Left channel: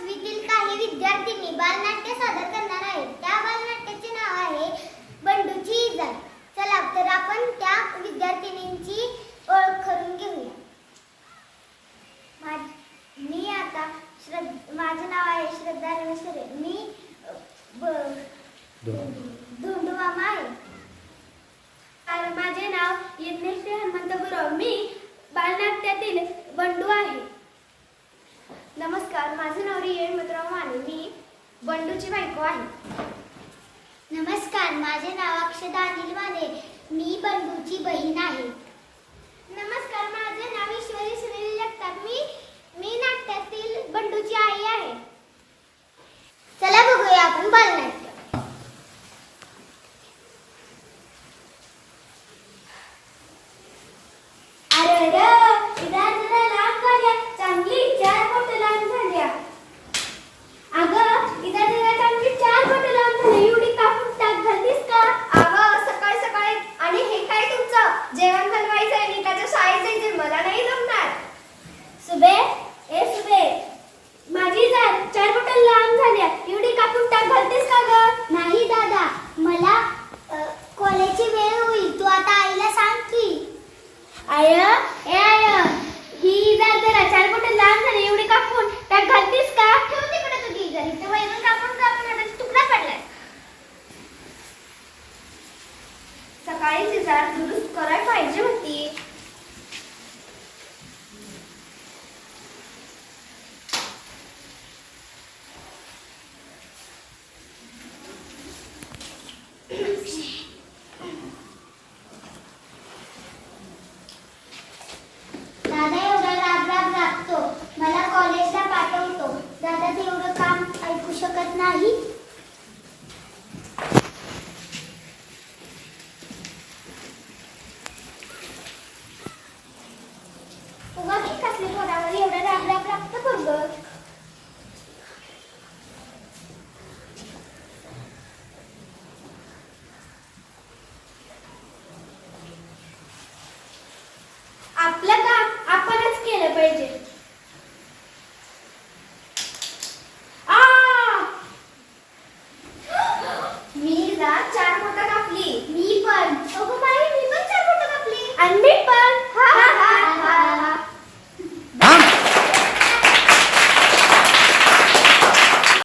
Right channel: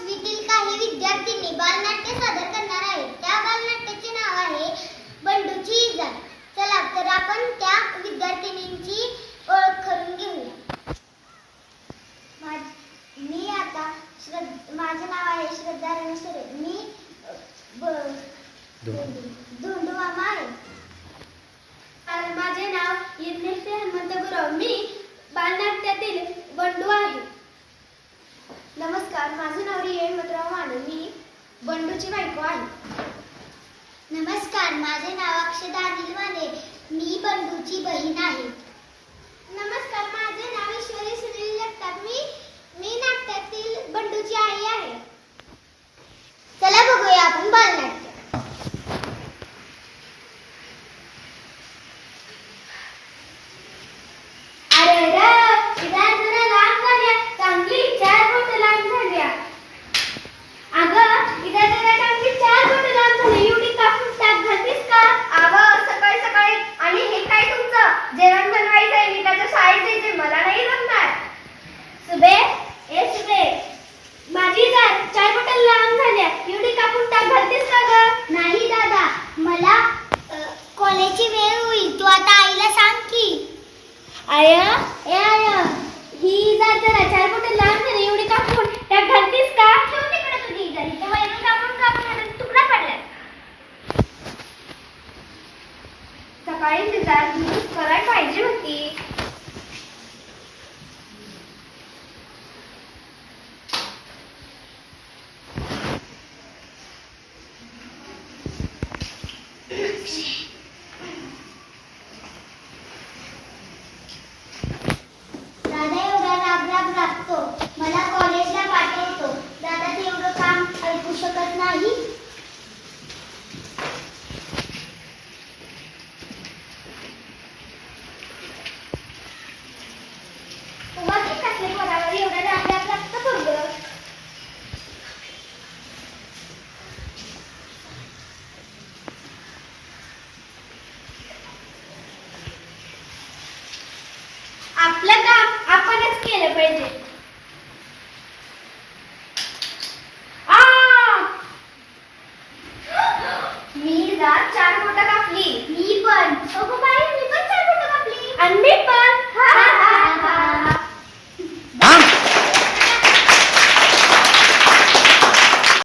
पाचवीतील काही विद्यार्थ्यांनी बालनाट्य सादर करणार आहेत. त्या बालनाट्याचे नाव आहे बंडूची इजा. चला तर आपण त्या विद्यार्थिनींची ओळख करून घेऊया. माझे नाव आहे श्रद्धा रमेश्वरे. मी धोंडू मामा आहे. माझे नाव यज्ञश्री हनुमंत गुरव. मी बालनाट्यातील बंडू आहे. नमस्कार, माझे नाव रिया हिमंतराव माने. मी बंडूची बायको आहे. नमस्कार, माझे नाव अक्षदा अनिल माने. मी बंडूची बहीण आहे. नमस्कार, माझे नाव ईश्वरी सुनील जगताप. मी नाट्यातील बंडूची आई आहे. चला बघूया आपण बालनाट्य. नाही दादा, मला कॉलेजची वेळ होईल. तू आता आईला सांग की. आय ही जरा 4 बोटं लांब झाली, एवढी कापून त्यात घालतीस का? ठेव तिकडे तुझी घरी. ते वैरून कापून तुकडा पडला. सकाळी जरा दूध करायला पाहिजे होती. दादा एवढा राग रागतो. मला कॉलेजला पाठवतो. दादा तेवढं काम ऐकू शकत नाही. कसले पोरावर एवढा राग लागतो पोरगं. आपलं काम आपणच केलं पाहिजे. मी 4 बोटं कापली. मी पण. अगो बाई, मी पण 4 बोटं कापली. आणि मी पण.